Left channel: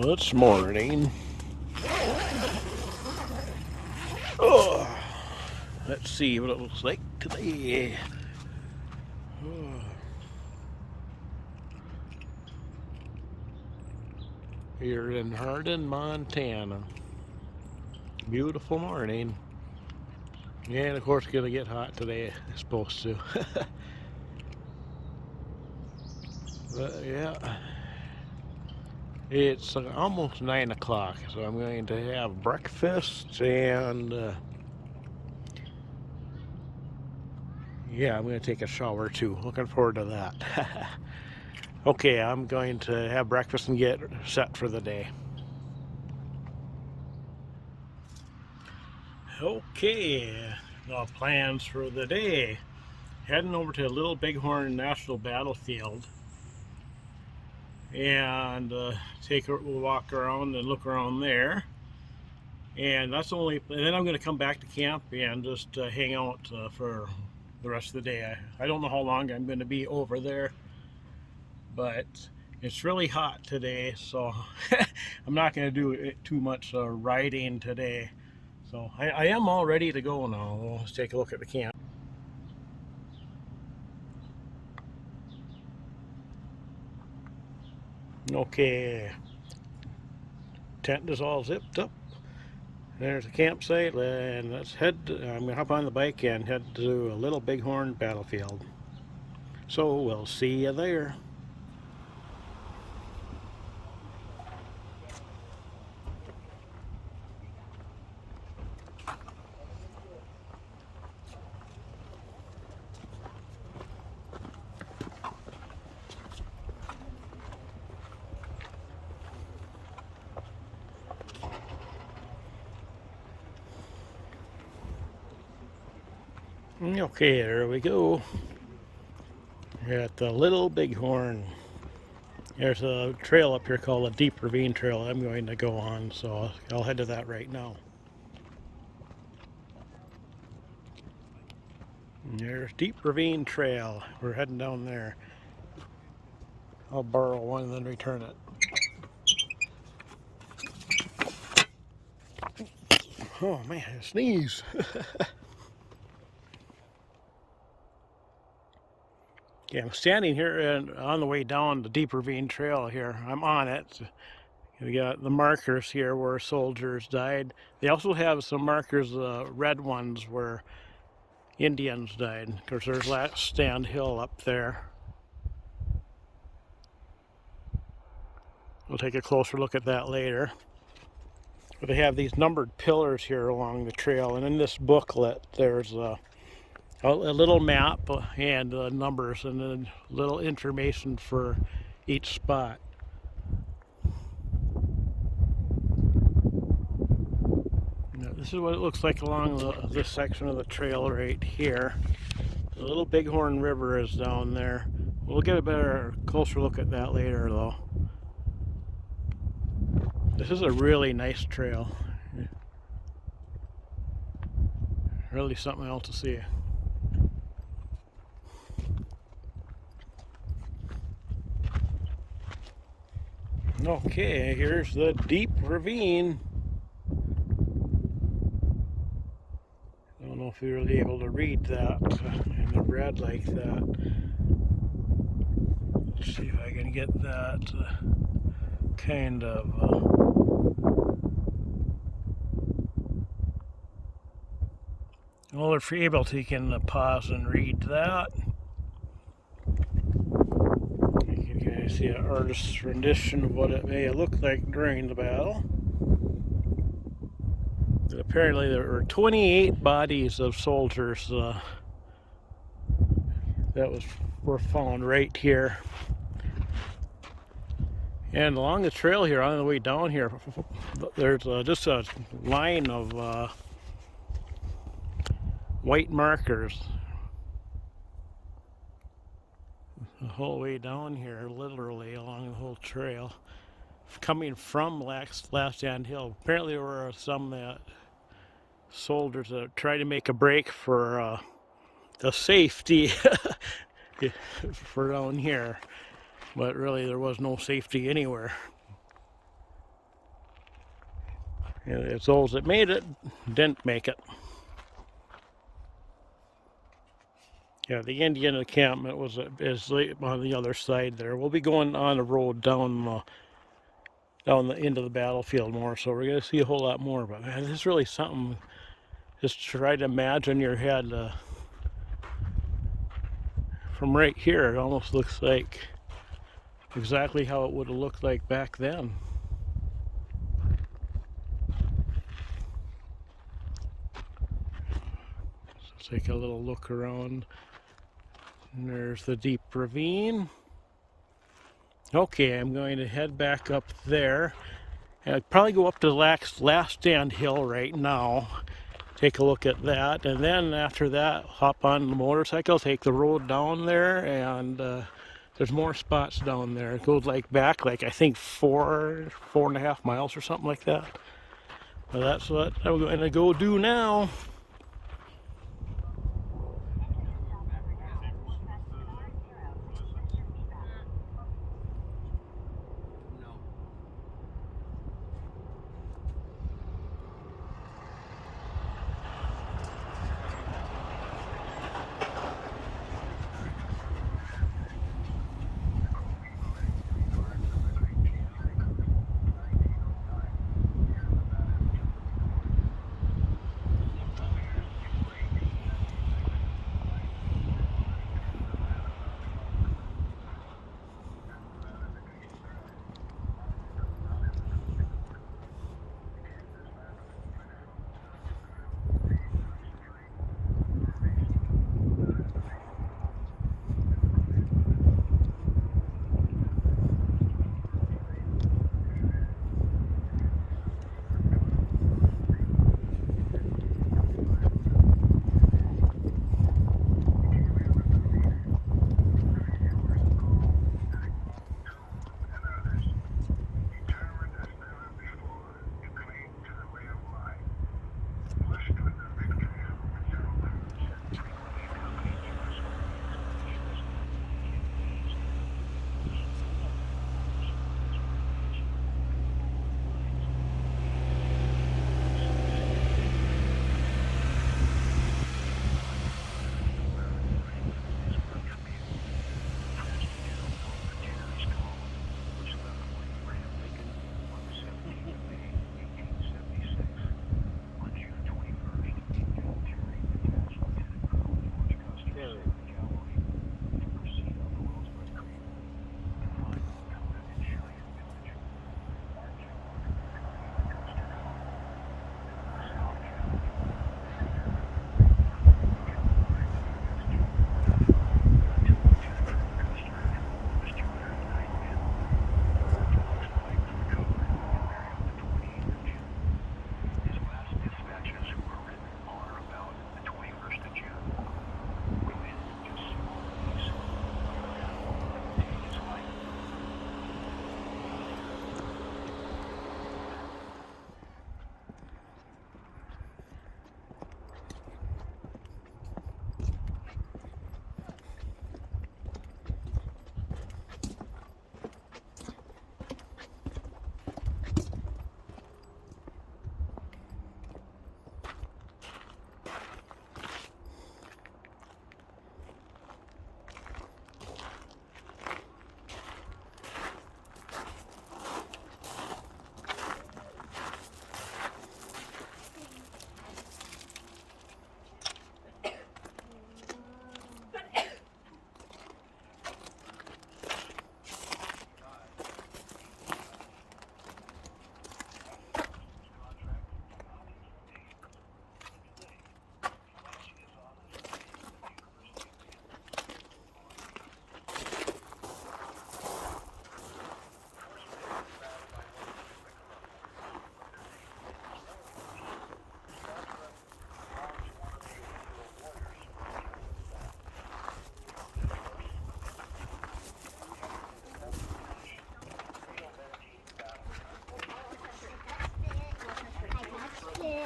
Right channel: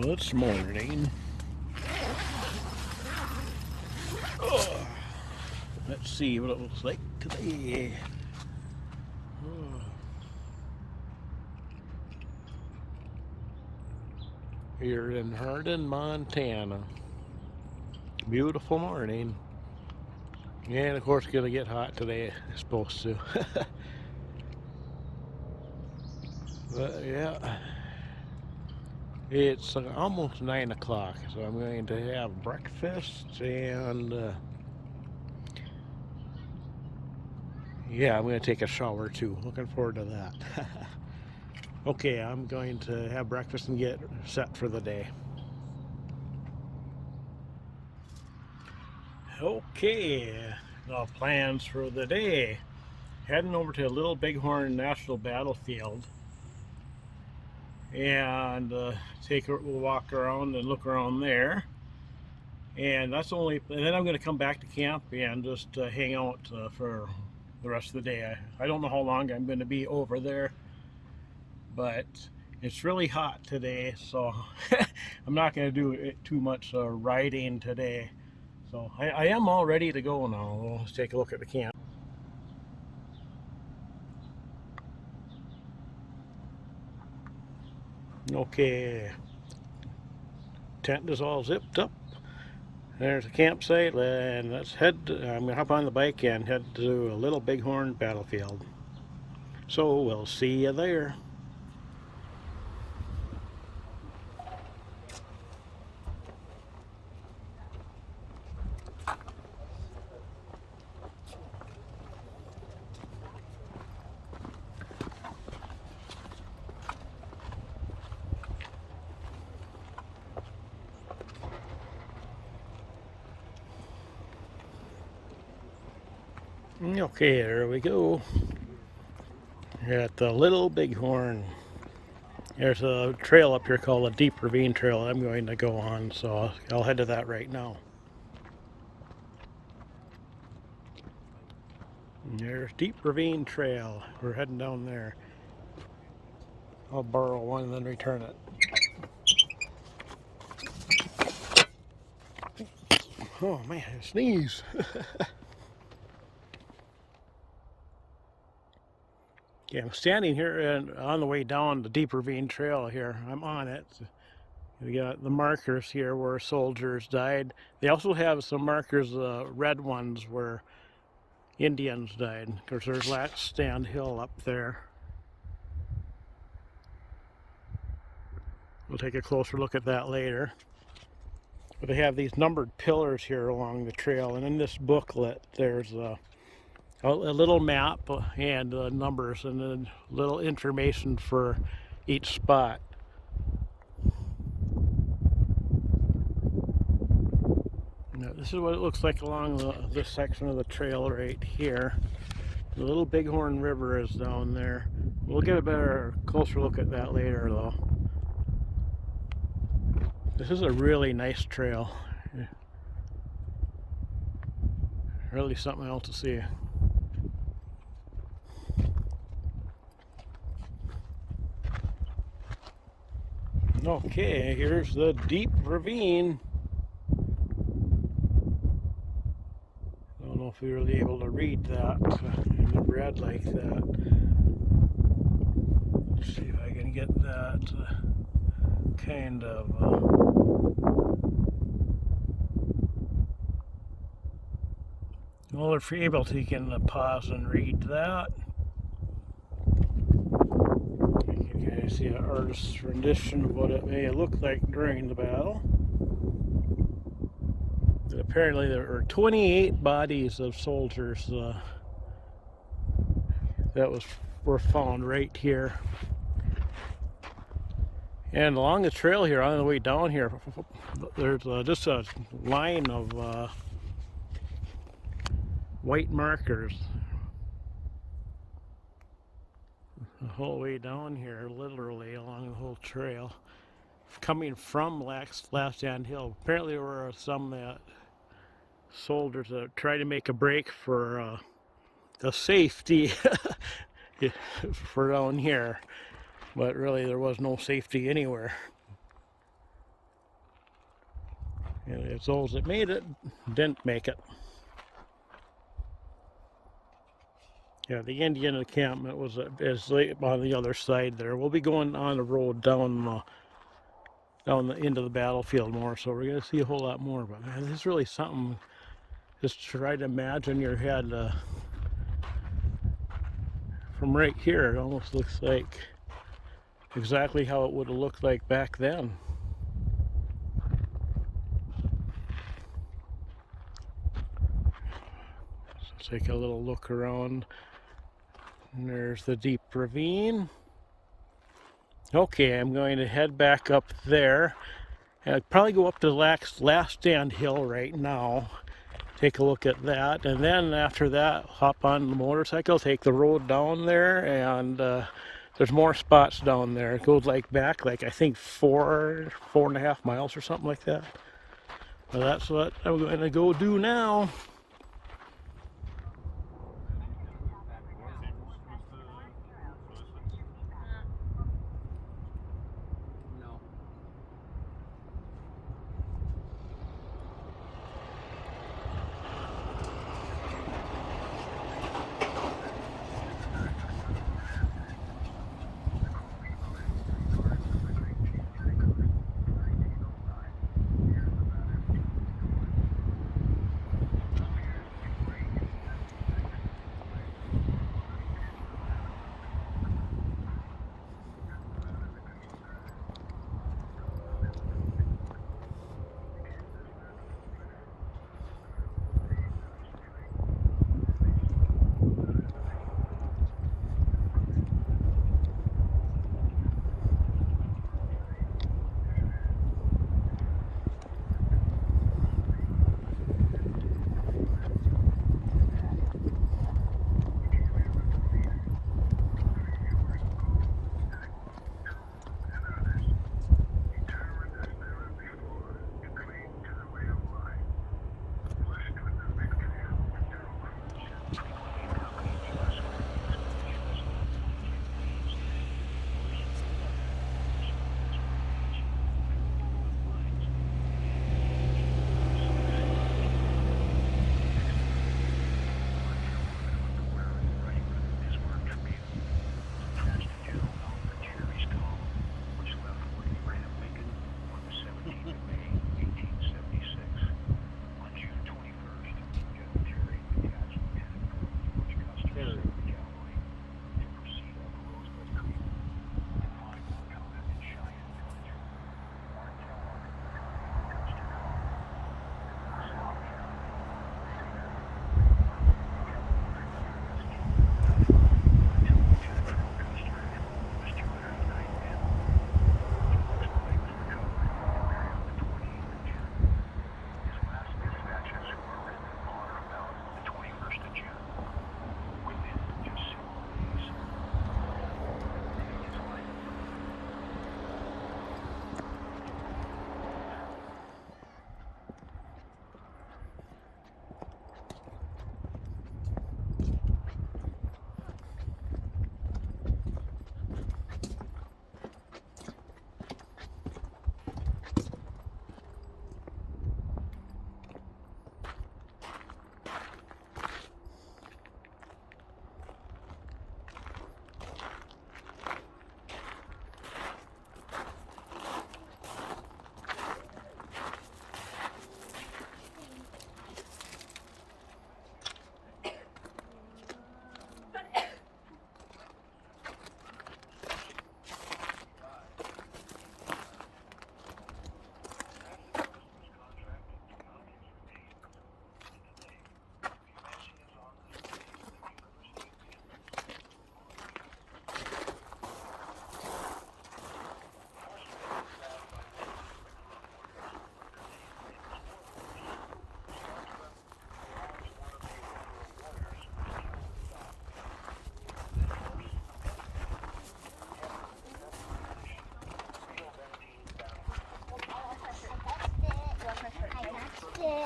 Well, it's morning. Oh, let's see what it looks like today. Oh. Here in Hardin, Montana. Beautiful morning. And of course, gonna get hot today. It's supposed to. But yeah, it's almost 9 o'clock, so I'm going to have breakfast and yeah, I'm going to take a shower too. Looking forward to that. Okay, I'm going to have breakfast and get set for the day. Okay, the plans for the day. Heading over to Little Bighorn National Battlefield and we'll walk around and look around there. And and then I'm going to come back to camp and just hang out for the rest of the day. I don't know how long I'm going to be over there, but it's really hot today, so I'm not going to do too much riding today. So I am all ready to go now. Let's take a look at the camp. Okay, tent is all zipped up. There's a campsite, and let's head. I'm gonna hop on the bike and head to a Little Bighorn Battlefield. So we'll see you there. Okay, there we go. We're at the Little Bighorn. There's a trail up here called a Deep Ravine Trail I'm going to go on, so I'll head to that right now. And there's Deep Ravine Trail. We're heading down there. I'll borrow one and then return it. Oh man, I sneeze. Yeah, I'm standing here and on the way down the Deep Ravine Trail here. I'm on it. We got the markers here where soldiers died. They also have some markers, red ones, where Indians died. Because there's Last Stand Hill up there. We'll take a closer look at that later. But they have these numbered pillars here along the trail, and in this booklet there's a little map and numbers and then little information for each spot. Now, this is what it looks like along this section of the trail right here. The Little Bighorn River is down there. We'll get a better, closer look at that later though. This is a really nice trail. Really something else to see. Okay, here's the Deep Ravine. I don't know if you're really able to read that in the red like that. Let's see if I can get that kind of well, if you're able to, you can pause and read that. You can kind of see an artist's rendition of what it may have looked like during the battle. And apparently there were 28 bodies of soldiers that were found right here. And along the trail here, on the way down here, there's just a line of white markers the whole way down here, literally along the whole trail, coming from Last Stand Hill. Apparently there were some soldiers that tried to make a break for the safety for down here, but really there was no safety anywhere. And it's those that made it didn't make it. Yeah, the Indian encampment is on the other side there. We'll be going on the road down the end of the battlefield more, so we're gonna see a whole lot more. But man, this is really something. Just try to imagine your head from right here. It almost looks like exactly how it would have looked like back then. Let's take a little look around. And there's the deep ravine. Okay, I'm going to head back up there. I'd probably go up to the last stand hill right now. Take a look at that, and then after that, hop on the motorcycle, take the road down there, and there's more spots down there. It goes back I think 4.5 miles or something like that. Well, that's what I'm going to go do now.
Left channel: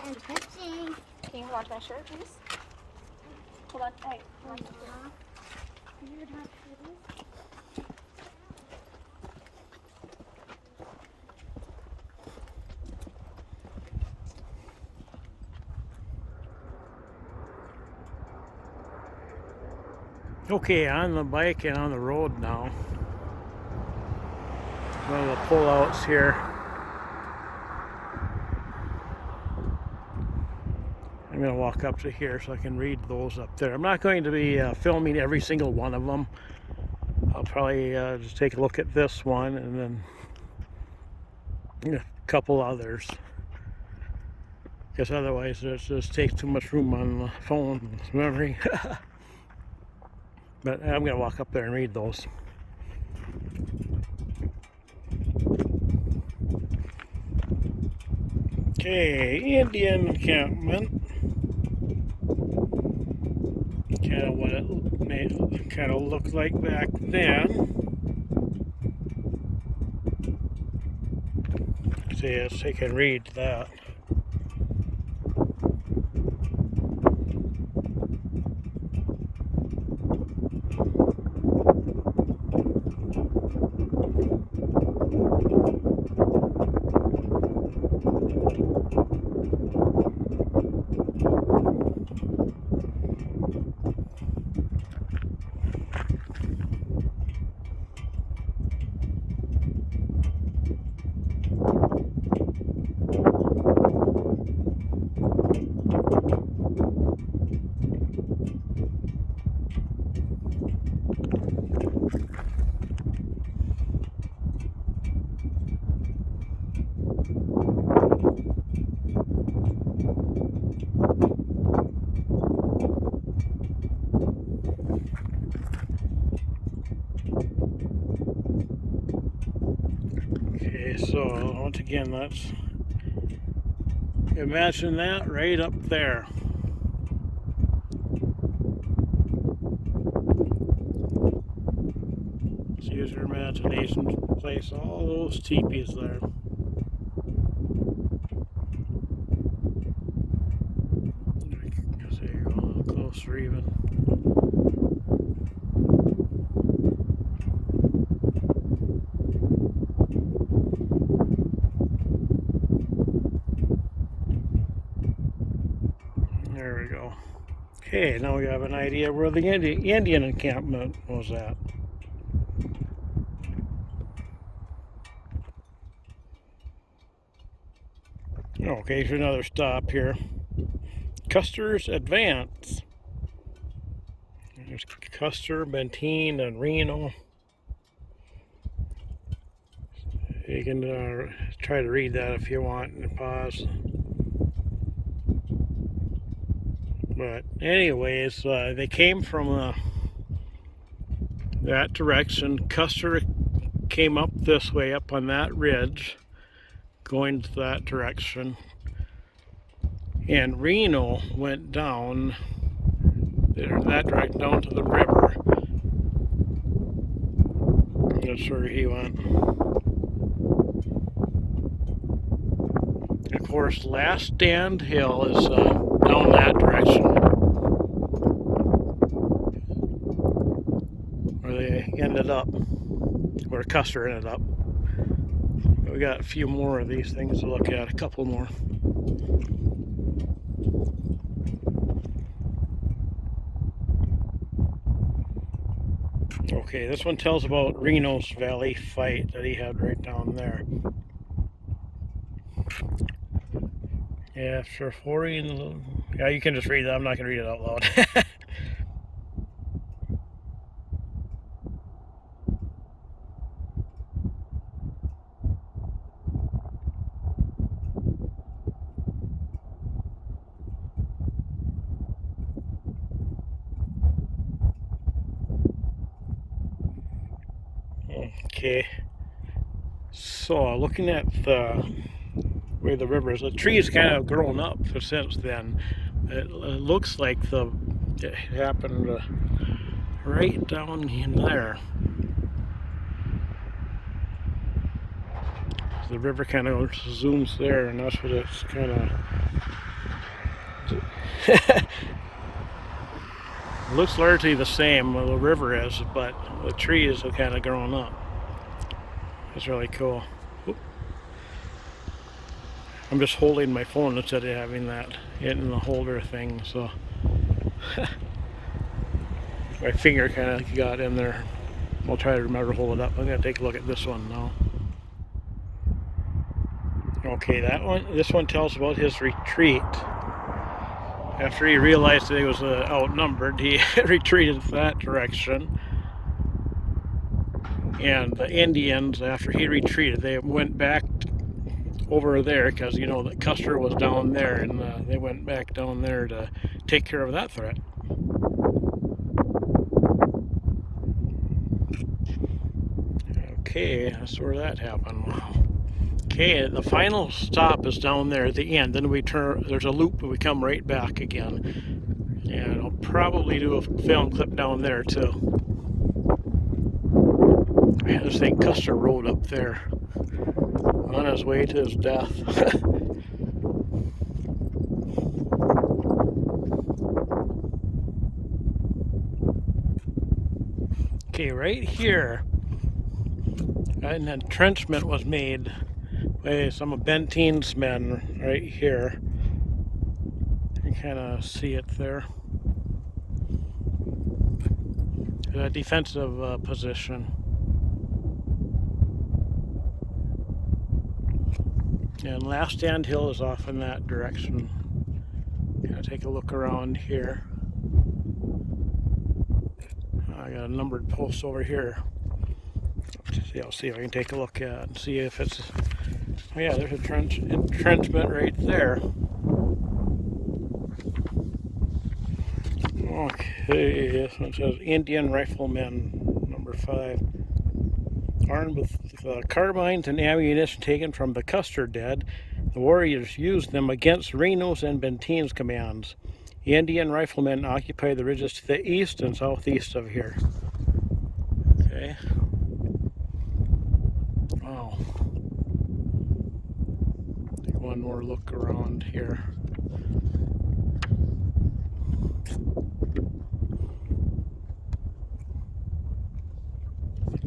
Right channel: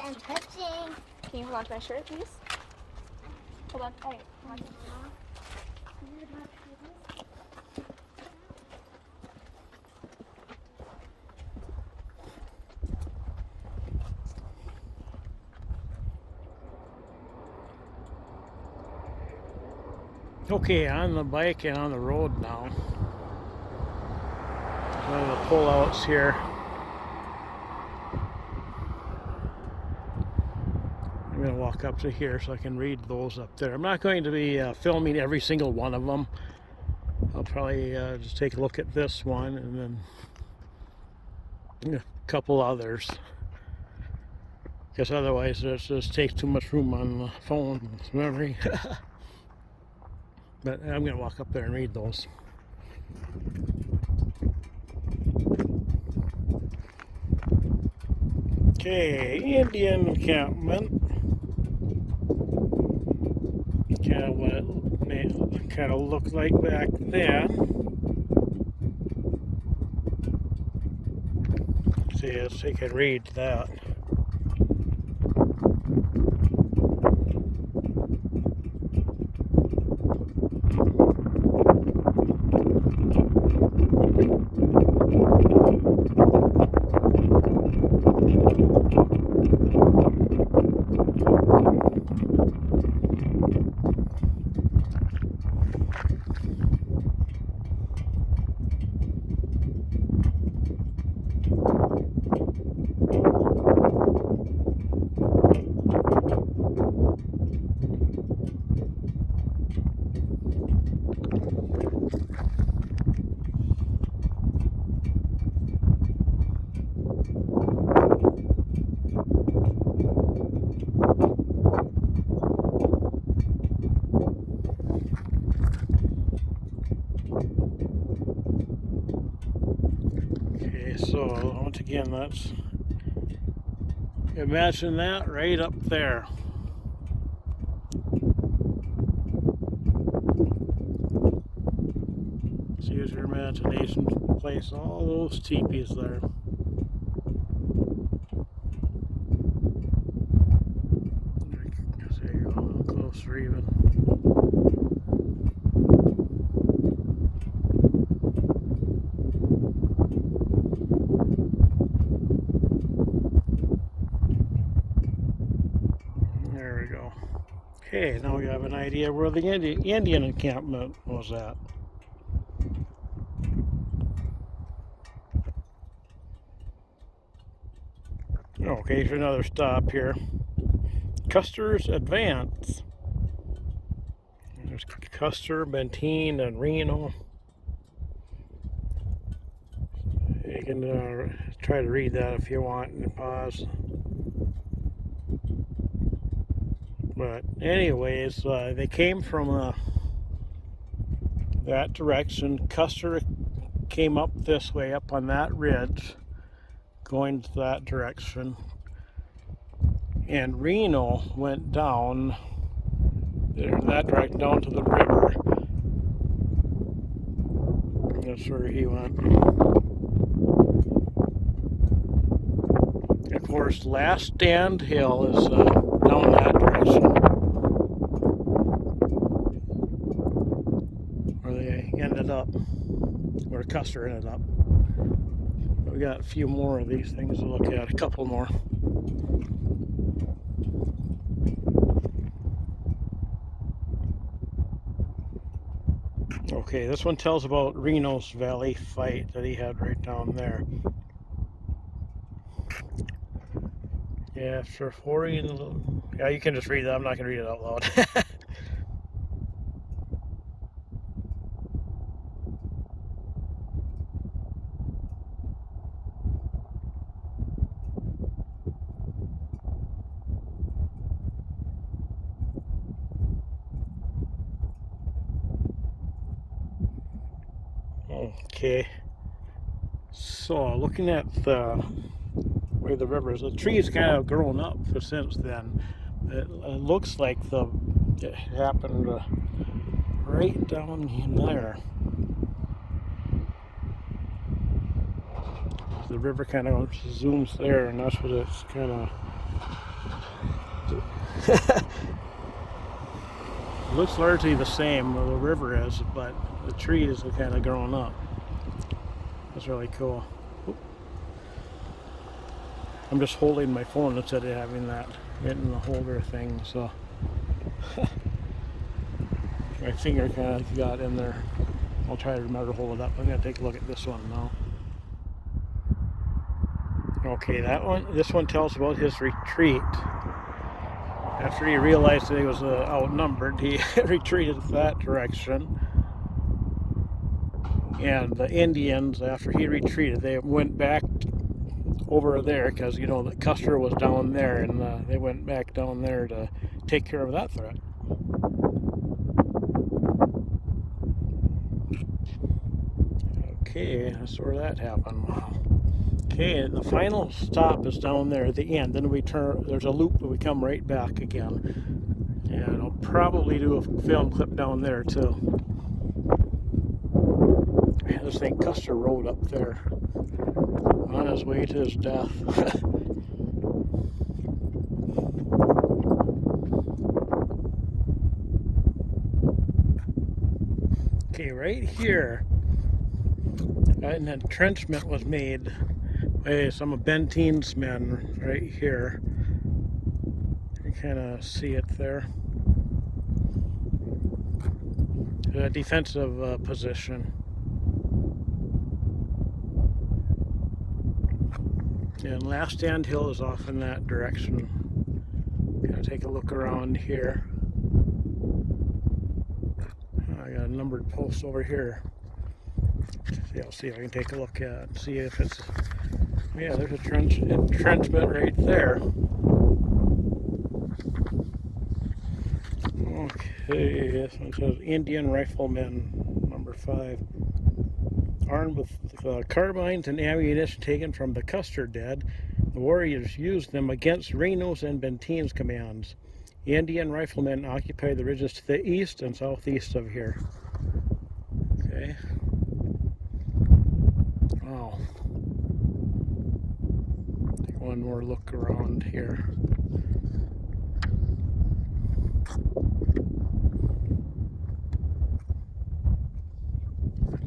I'm touching. Can you watch my shirt, please? Hold on. Hey. Okay, on the bike and on the road now. One of the pullouts here. I'm going to walk up to here so I can read those up there. I'm not going to be filming every single one of them. I'll probably just take a look at this one and then a couple others. Because otherwise it just takes too much room on the phone memory. But I'm going to walk up there and read those. Okay, Indian encampment. Kind of what it may kind of look like back then. See, yes, I can read that. Okay, so once again, that's, imagine that right up there. Let's use your imagination to place all those teepees there. So you're a little closer even. There we go. Okay, now we have an idea where the Indian encampment was at. Okay, here's another stop here. Custer's Advance. There's Custer, Benteen, and Reno. You can try to read that if you want and pause. But anyways, they came from that direction. Custer came up this way, up on that ridge, going to that direction. And Reno went down there in that direction, down to the river. That's where he went. Of course, Last Stand Hill is down that direction, where they ended up, where Custer ended up. We got a few more of these things to look at, a couple more. Okay, this one tells about Reno's Valley fight that he had right down there. Yeah, after 40, yeah, you can just read that. I'm not going to read it out loud. Okay, so looking at the way the river is, the tree's kind of grown up since then. It looks like it happened right down in there. The river kind of zooms there, and that's what it's kind of looks largely the same. The river is, but the trees are kind of grown up. That's really cool. Oop. I'm just holding my phone instead of having that in the holder thing, so My finger kind of got in there. I'll try to remember to hold it up. I'm going to take a look at this one now. Okay, this one tells about his retreat. After he realized that he was outnumbered, he retreated that direction. And the Indians, after he retreated, they went back over there because, you know, that Custer was down there, and they went back down there to take care of that threat. Okay, that's where that happened. Okay, the final stop is down there at the end. Then we turn, there's a loop and we come right back again. And I'll probably do a film clip down there too. This thing Custer rode up there on his way to his death. Okay, right here, an entrenchment was made by some of Benteen's men right here. You can kind of see it there. A defensive position. And Last Stand Hill is off in that direction. Gonna take a look around here. I got a numbered post over here. I'll see if I can take a look at and see if it's. Oh yeah, there's a entrenchment right there. Okay, this one says Indian Riflemen, number 5. Armed with carbines and ammunition taken from the Custer dead, the warriors used them against Reno's and Benteen's commands. The Indian Riflemen occupied the ridges to the east and southeast of here. Okay. Wow. Take one more look around here.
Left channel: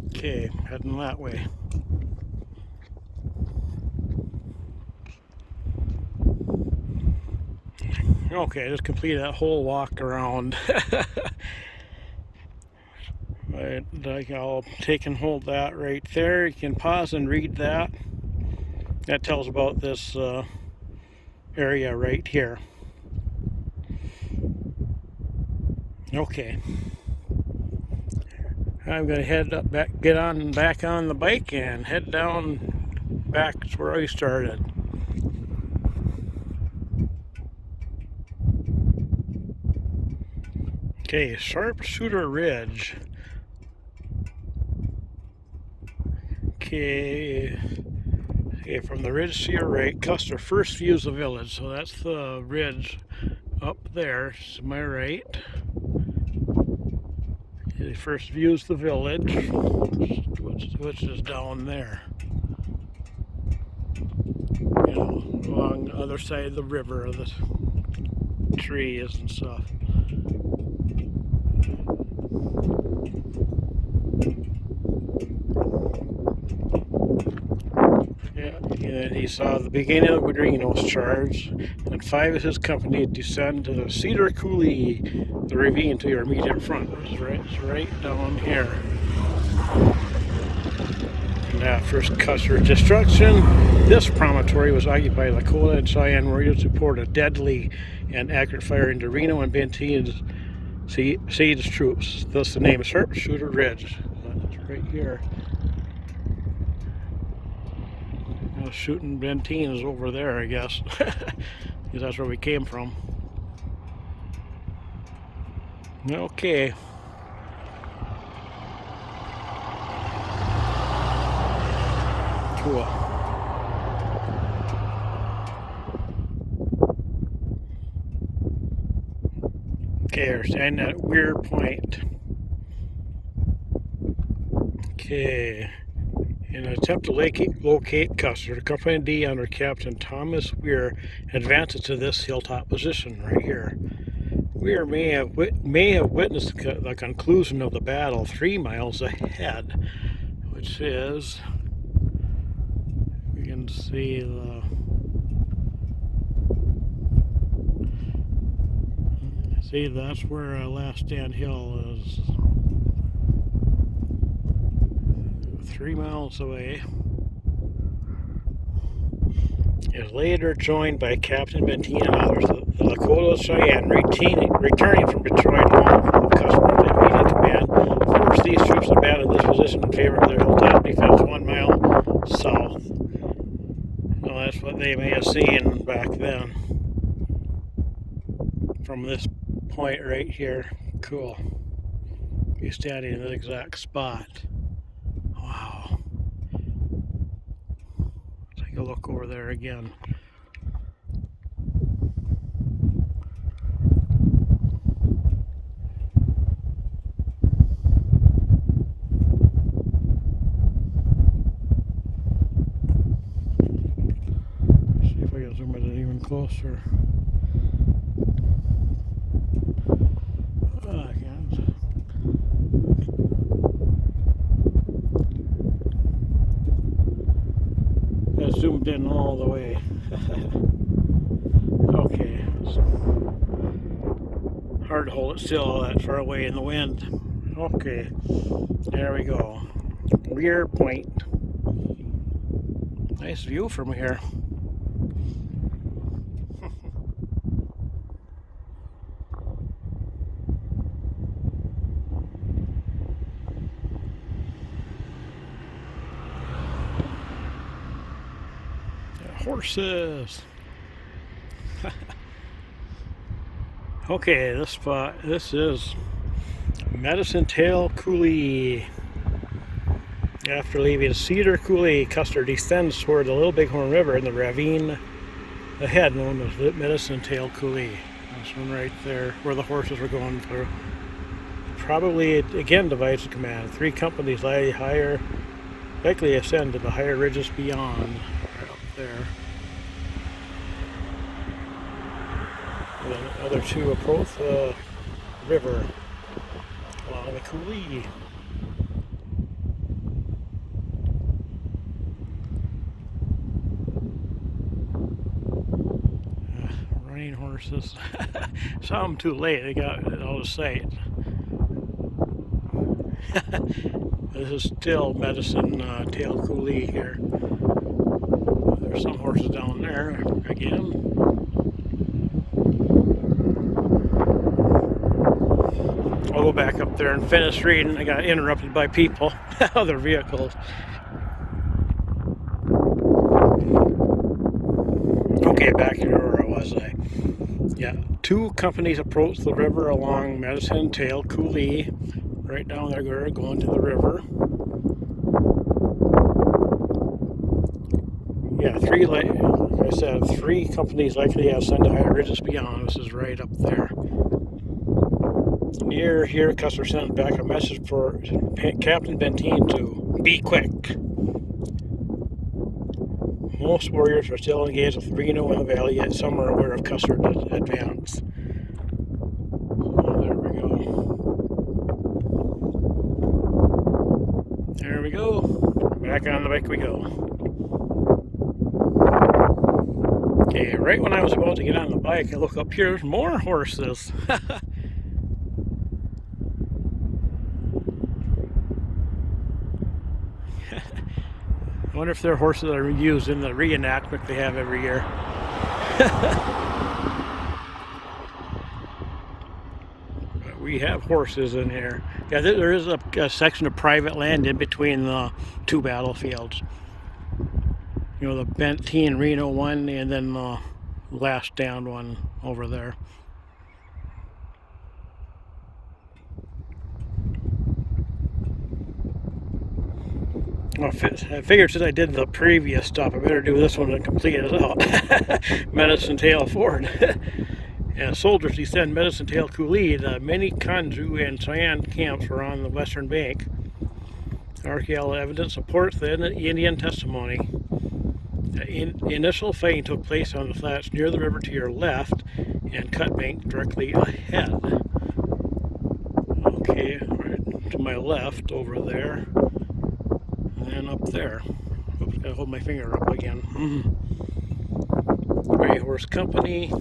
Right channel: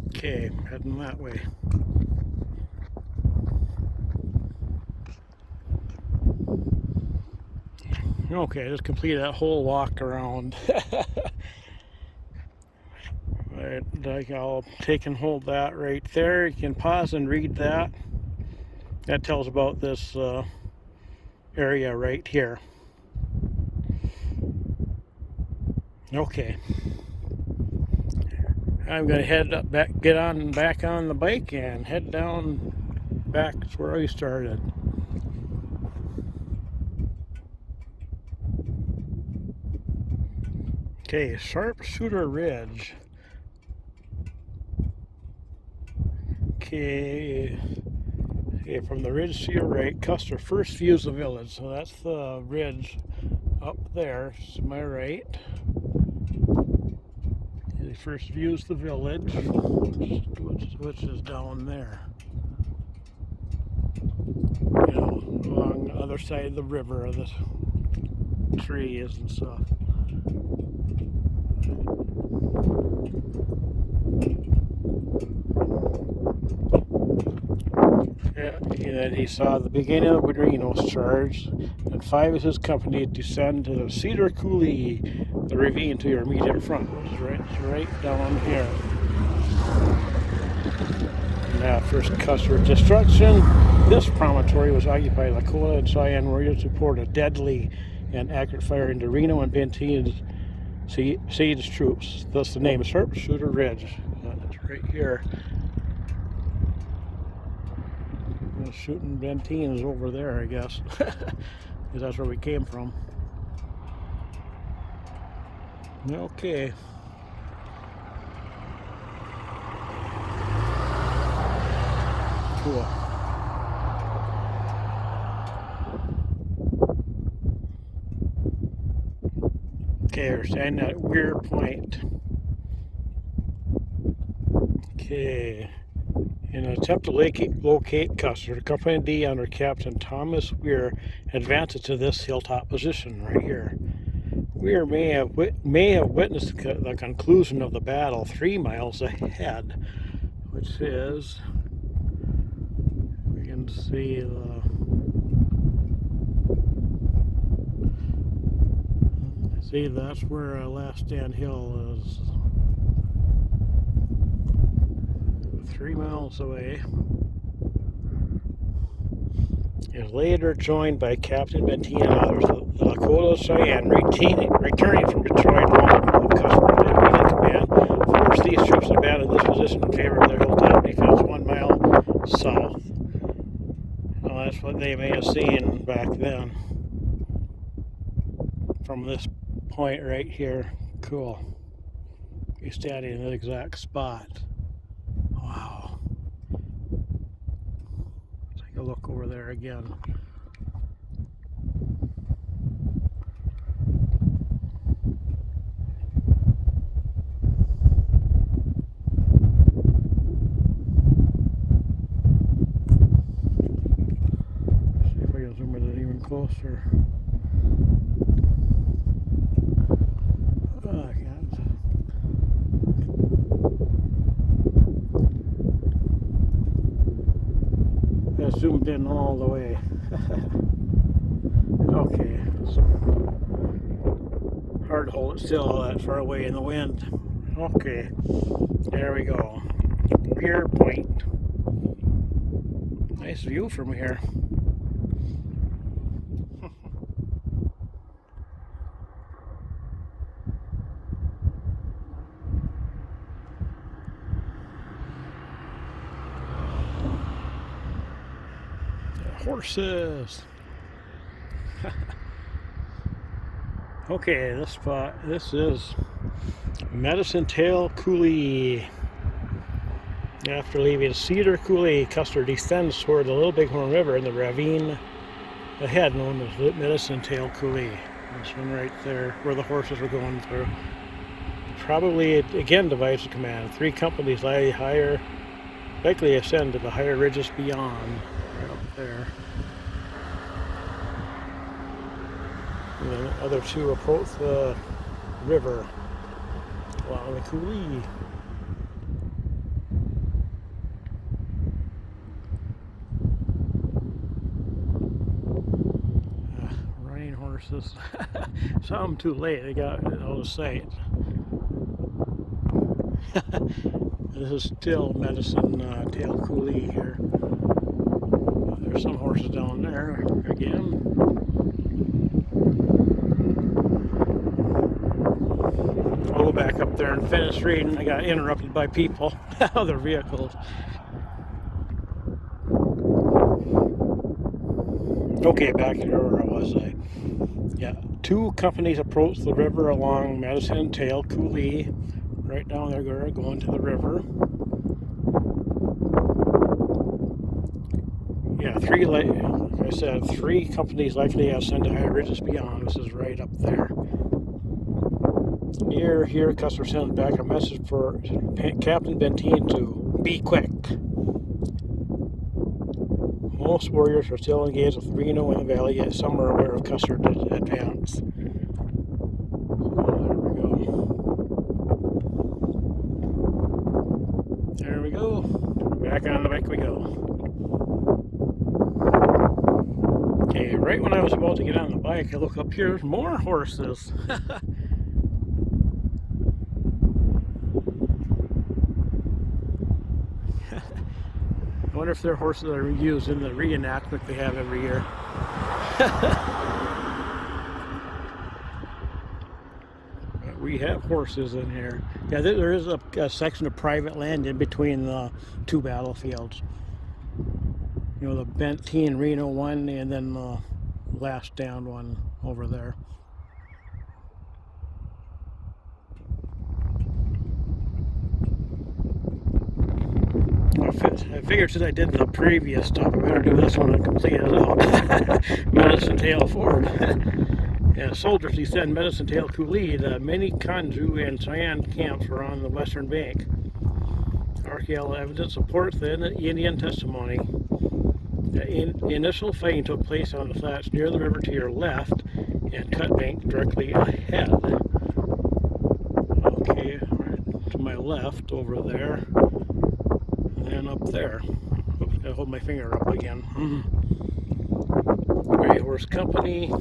Okay, heading that way. Okay, I just completed that whole walk around. Right, I'll take and hold that right there. You can pause and read that. That tells about this area right here. Okay. I'm going to head up back, get on back on the bike and head down back to where I started. Okay, Sharpshooter Ridge. Okay, from the ridge to your right, Custer first views the village. So that's the ridge up there to my right. He first views the village, which is down there. You know, along the other side of the river of the trees and stuff. Yeah, and then he saw the beginning of Reno's charge, and 5 of his company descend to the Cedar Coulee, the ravine to your immediate front. It's right down here. And after Custer's destruction, this promontory was occupied by Lakota and Cheyenne warriors who poured a deadly and accurate fire into Reno and Benteen's siege troops. Thus the name Sharpshooter Ridge. It's right here. Shooting Benteen is over there, I guess, because that's where we came from. Okay. Cool. Okay, we're standing at Weir Point. Okay. In an attempt to locate Custer, the Company D under Captain Thomas Weir advances to this hilltop position right here. Weir may have witnessed the conclusion of the battle 3 miles ahead, which is, we can see See, that's where Last Stand Hill is. 3 miles away. Is later joined by Captain Benteen and others. The Lakota Cheyenne, returning from Detroit, along with customers in immediate command, forced these troops to abandon this position in favor of their hilltop defense 1 mile south. Well, that's what they may have seen back then. From this point right here. Cool. You're standing in the exact spot. Wow. Take a look over there again. See if I can zoom it in even closer. I can't. That zoomed in all the way. Okay. Hard to hold it still that far away in the wind. Okay. There we go. Rear point. Nice view from here. Horses. Okay, this spot, this is Medicine Tail Coulee. After leaving Cedar Coulee, Custer descends toward the Little Bighorn River in the ravine ahead, known as Medicine Tail Coulee. This one right there, where the horses were going through. Probably, again, divides the command. 3 companies likely ascend to the higher ridges beyond. Up there. And then the other 2 approach the river along the coulee. Running horses. Saw them too late. They got it out of sight. This is still Medicine Tail Coulee here. There's some horses down there again. I'll go back up there and finish reading. I got interrupted by people, other vehicles. Okay, back to where I was. Yeah, 2 companies approached the river along Medicine Tail Coulee. Right down there, going to the river. Yeah, 3, like I said, 3 companies likely have sent to higher ridges beyond. This is right up there. Near here, Custer sent back a message for Captain Benteen to be quick. Most warriors are still engaged with Reno in the valley, yet some are aware of Custer's advance. There we go. There we go. Back on the bike we go. Okay, right when I was about to get on the bike, I look up here, there's more horses. I wonder if they're horses that are used in the reenactment they have every year. But we have horses in here. Yeah, there is a section of private land in between the 2 battlefields. You know, the Benteen Reno one and then the Last Stand one over there. Well, I figured since I did the previous stop, I better do this one and complete it out. Medicine Tail Ford. Yeah, soldiers descend Medicine Tail Coulee. The many Kanju and Cheyenne camps were on the western bank. Archaeological evidence supports the Indian testimony. The initial fighting took place on the flats near the river to your left and cut bank directly ahead. Okay, right to my left over there. And up there. Oops, gotta hold my finger up again. Gray Horse Company.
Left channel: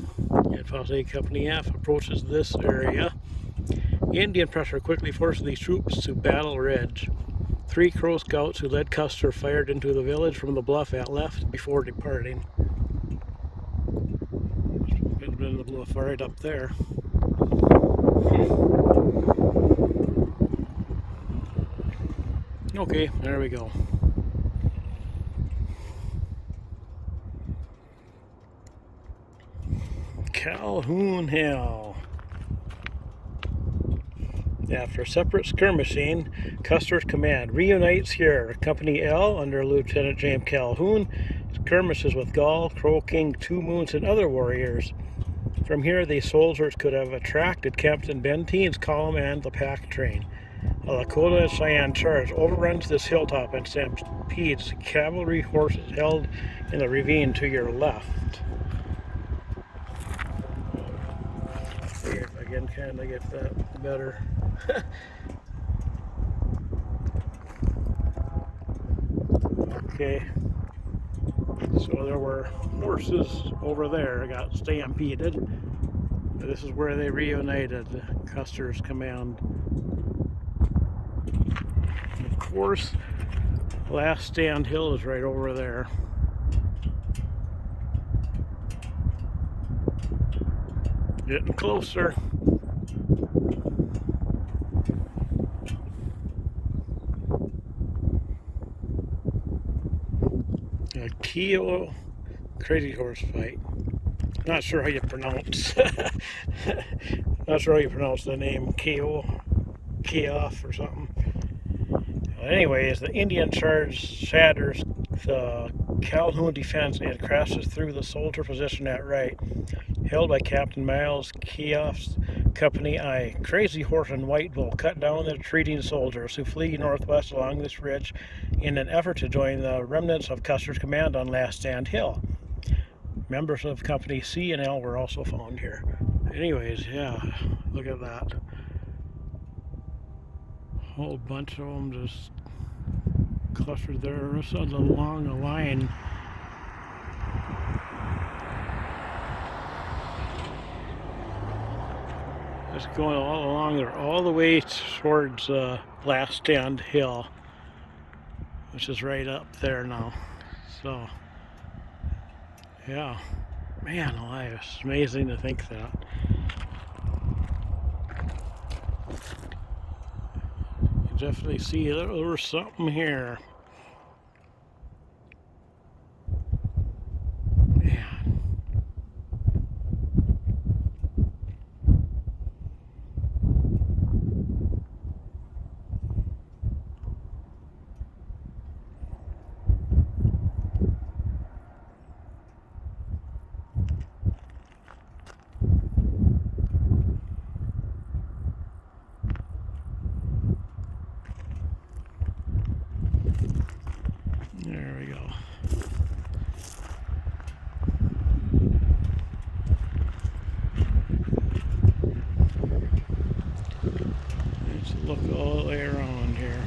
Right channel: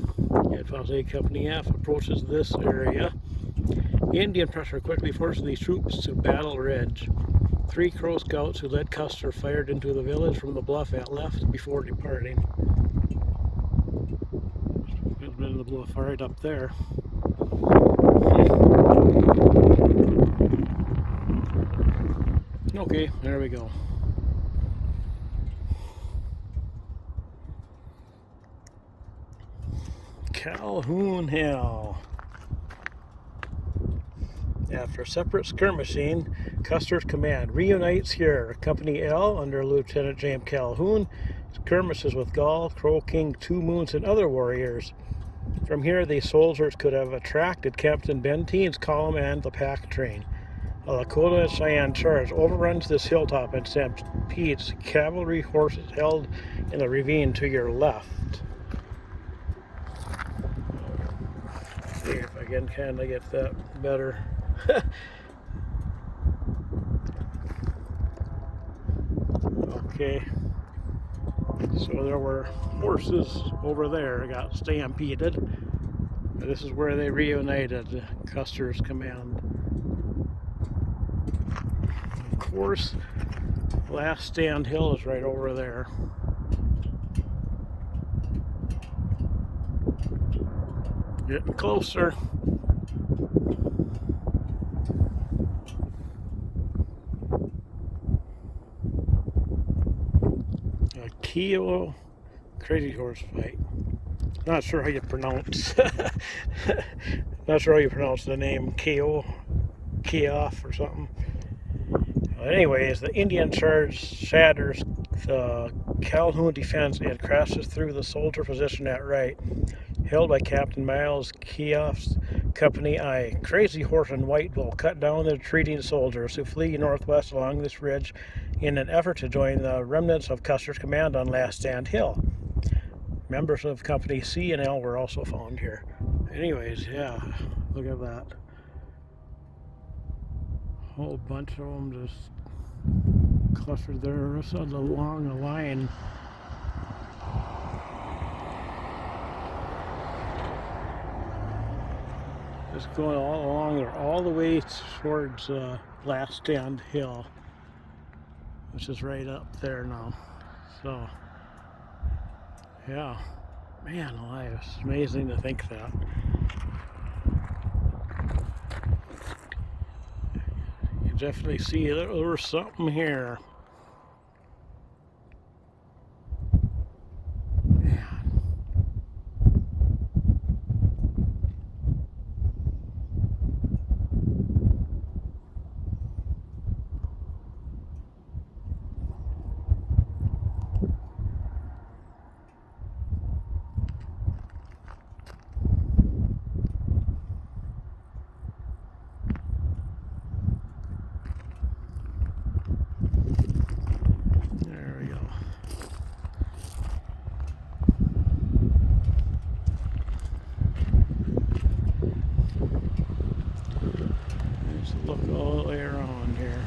And Fosse Company F approaches this area. Indian pressure quickly forces these troops to Battle Ridge. 3 Crow scouts who led Custer fired into the village from the bluff at left before departing. There's been the bluff right up there. Okay, there we go. Calhoun Hill. After separate skirmishing, Custer's command reunites here. Company L under Lieutenant James Calhoun skirmishes with Gall, Crow King, Two Moons, and other warriors. From here, these soldiers could have attracted Captain Benteen's column and the pack train. A Lakota and Cheyenne charge overruns this hilltop and stampedes cavalry horses held in the ravine to your left. See if I can kind of get that better. Okay, so there were horses over there got stampeded. This is where they reunited, Custer's command. Of course, Last Stand Hill is right over there. Getting closer. A Keo crazy horse fight. Not sure how you pronounce. Not sure how you pronounce the name Keo, Keoff or something. Well, anyways, the Indian charge shatters the Calhoun defense and crashes through the soldier position at right, held by Captain Miles Keoff's Company I. Crazy Horse and White Bull cut down the retreating soldiers who flee northwest along this ridge in an effort to join the remnants of Custer's command on Last Stand Hill. Members of Company C and L were also found here. Anyways, yeah, look at that. Whole bunch of them just clustered there along the line. Just going all along there, all the way towards Last Stand Hill, which is right up there now. So, yeah, man alive, it's amazing to think that. You definitely see there was something here. Man. There we go. Let's look all the way around here.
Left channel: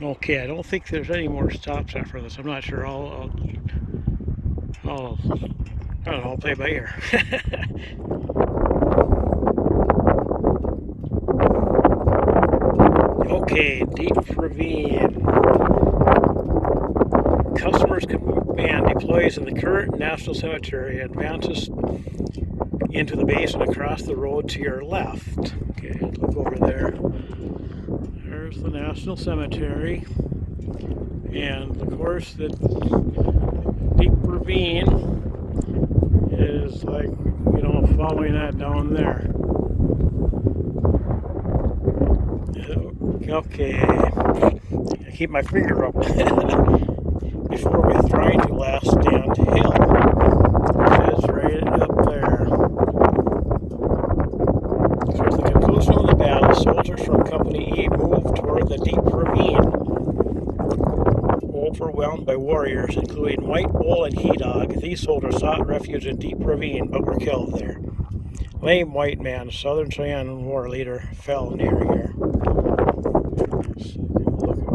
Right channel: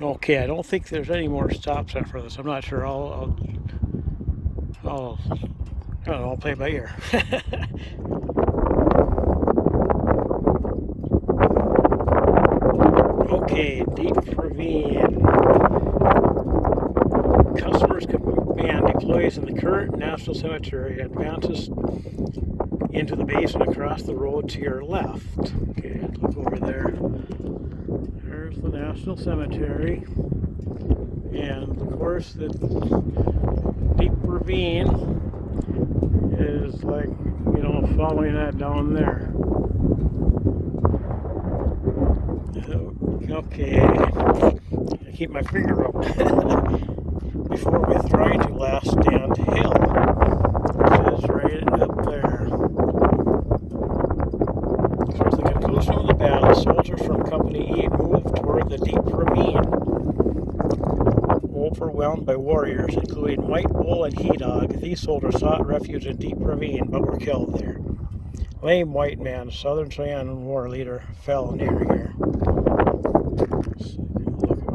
Okay, I don't think there's any more stops after this. I'm not sure. I don't know. I'll play by ear. Okay, deep ravine. Custer's command deploys in the current National Cemetery and advances into the basin across the road to your left. Okay, look over there. There's the National Cemetery. And of course, the deep ravine is like, you know, following that down there. Okay, I keep my finger up before we throw into Last Stand Hill, which is right up there. So at the conclusion of the battle, soldiers from Company E moved toward the deep ravine, overwhelmed by warriors, including White Bull and He Dog. These soldiers sought refuge in Deep Ravine, but were killed there. Lame White Man, Southern Cheyenne war leader, fell near here. Look at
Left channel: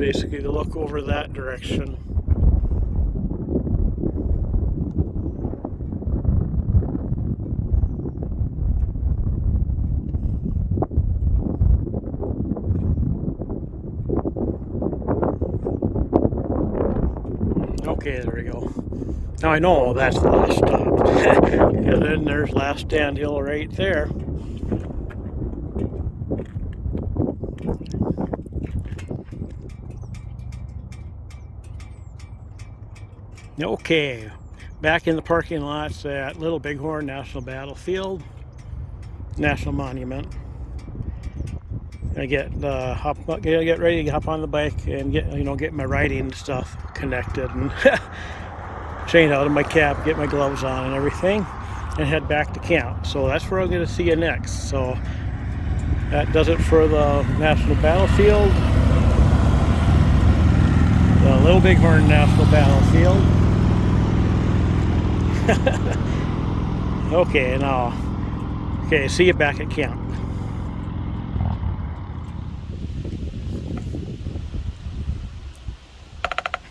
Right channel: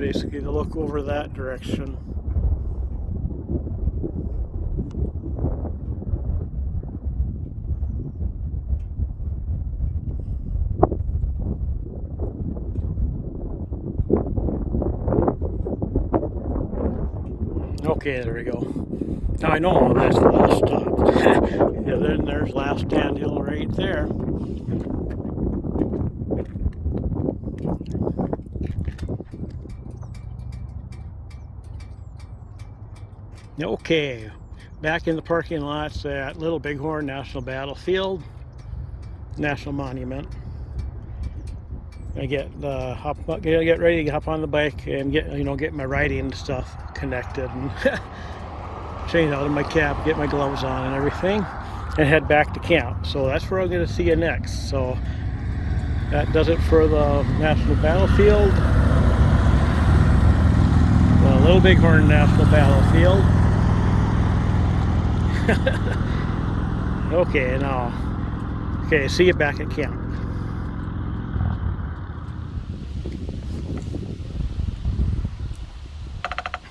basically to look over that direction. Okay, there we go. Now I know that's the last stop. And then there's Last Stand Hill right there. Okay, back in the parking lots at Little Bighorn National Battlefield, National Monument. I get ready to hop on the bike and get my riding stuff connected and change out of my cap, get my gloves on and everything, and head back to camp. So that's where I'm going to see you next. So that does it for the National Battlefield, the Little Bighorn National Battlefield. Okay, see you back at camp.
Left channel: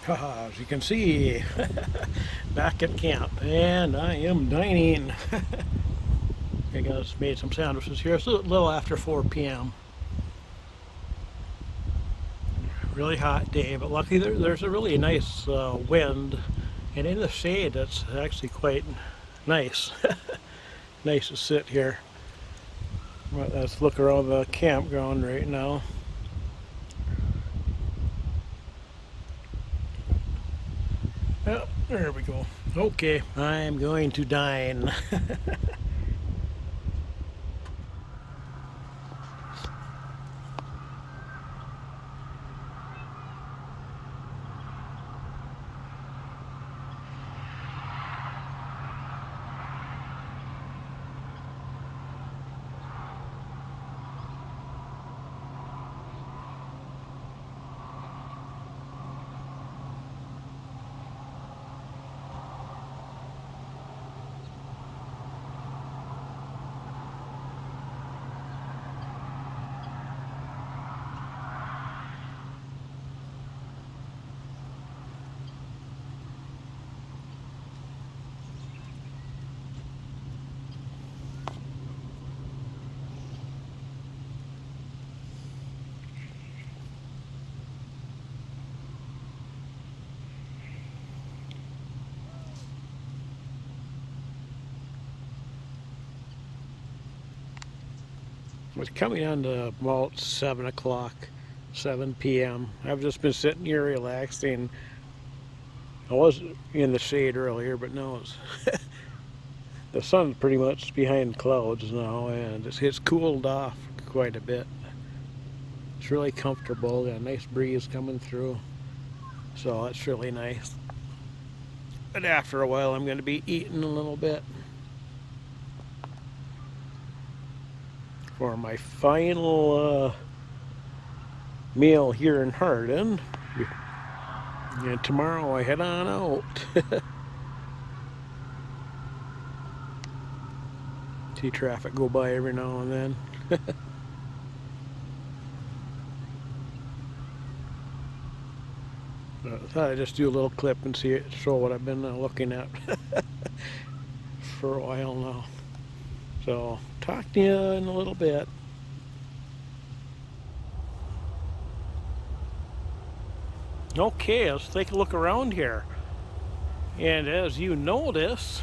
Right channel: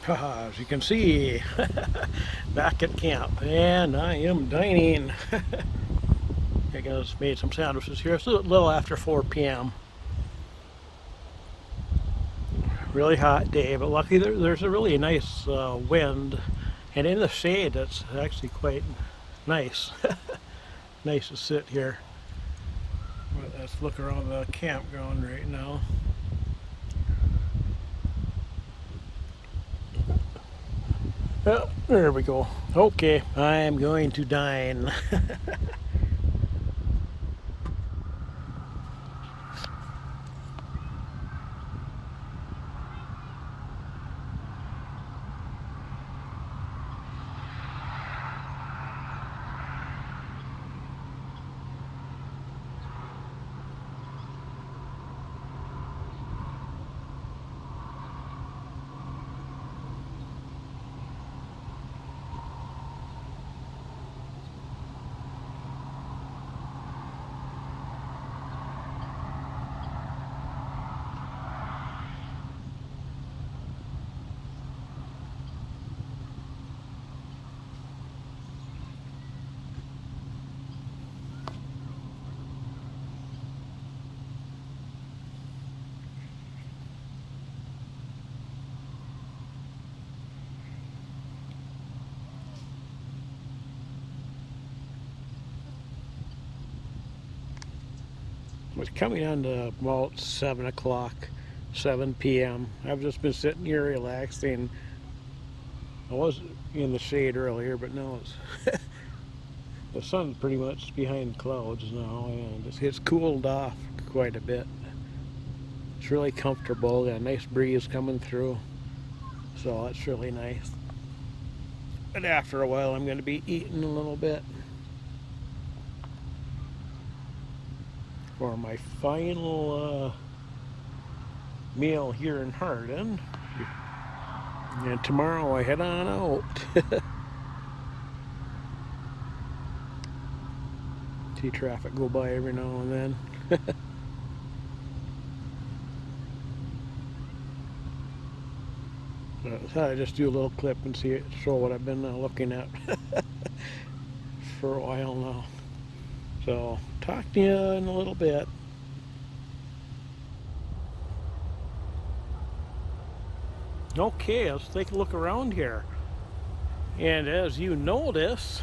As you can see, back at camp, and I am dining. I just made some sandwiches here. It's a little after 4 p.m. Really hot day, but luckily there's a really nice wind, and in the shade it's actually quite nice. Nice to sit here. Let's look around the campground right now. Oh, there we go. Okay, I'm going to dine. It's coming on to about 7 o'clock, 7 p.m. I've just been sitting here relaxing. I was in the shade earlier, but now it's the sun's pretty much behind clouds now, and it's cooled off quite a bit. It's really comfortable. Got a nice breeze coming through, so that's really nice. But after a while, I'm going to be eating a little bit for my final meal here in Hardin. And tomorrow I head on out. See traffic go by every now and then. I thought I'd just do a little clip and show what I've been looking at for a while now. So, talk to you in a little bit. Okay, let's take a look around here. And as you notice,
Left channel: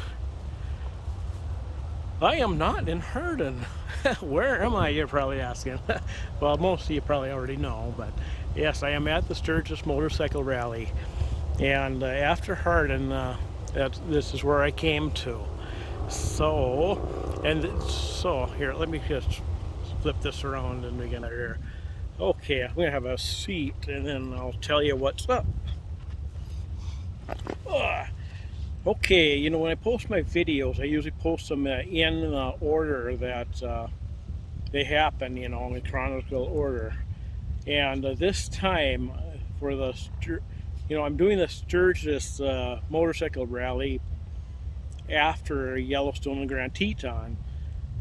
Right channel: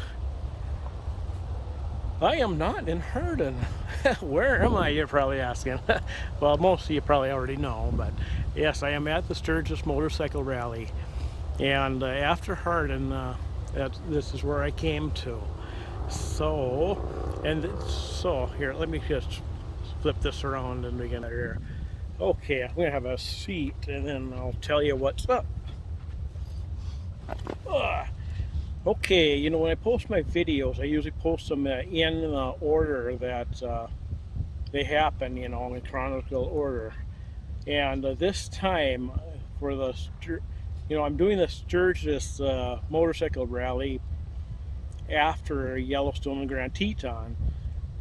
I am not in Hardin. Where am I, you're probably asking. Well, most of you probably already know, but yes, I am at the Sturgis Motorcycle Rally. And after Hardin, this is where I came to. So here, let me just flip this around and begin here. Okay, I'm gonna have a seat and then I'll tell you what's up. Okay, when I post my videos, I usually post them in the order that they happen, in chronological order. And this time, for I'm doing the Sturgis Motorcycle Rally after Yellowstone and Grand Teton,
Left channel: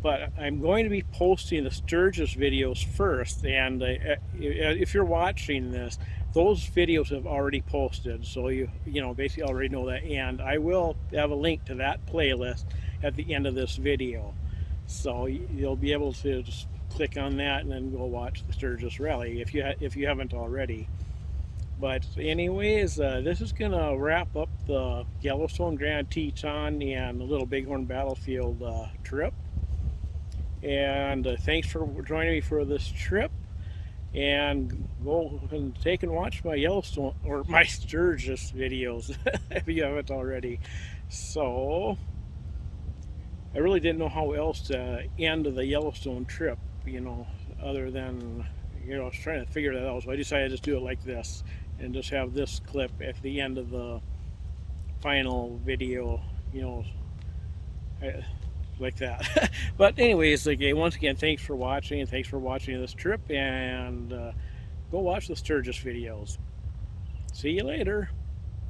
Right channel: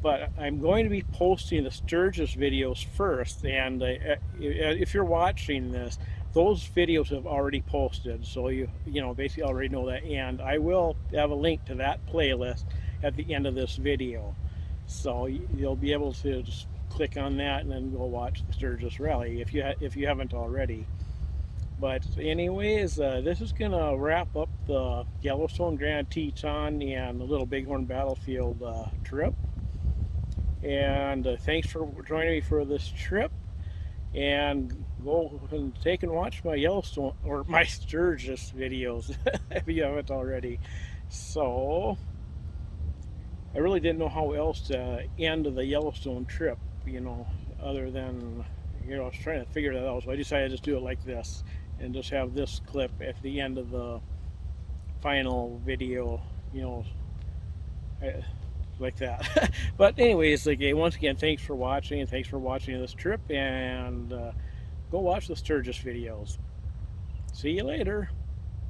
but I'm going to be posting the Sturgis videos first. And if you're watching this, those videos have already posted, so you know basically already know that, and I will have a link to that playlist at the end of this video, so you'll be able to just click on that and then go watch the Sturgis Rally if you haven't already. But anyways, this is gonna wrap up the Yellowstone, Grand Teton, and the Little Bighorn Battlefield trip. And thanks for joining me for this trip. And go and take and watch my Yellowstone or my Sturgis videos if you haven't already. So I really didn't know how else to end the Yellowstone trip, you know, other than, you know, I was trying to figure that out. So I decided to just do it like this and just have this clip at the end of the final video, you know, like that. But anyways, once again, thanks for watching, and thanks for watching this trip, and go watch the Sturgis videos. See you later.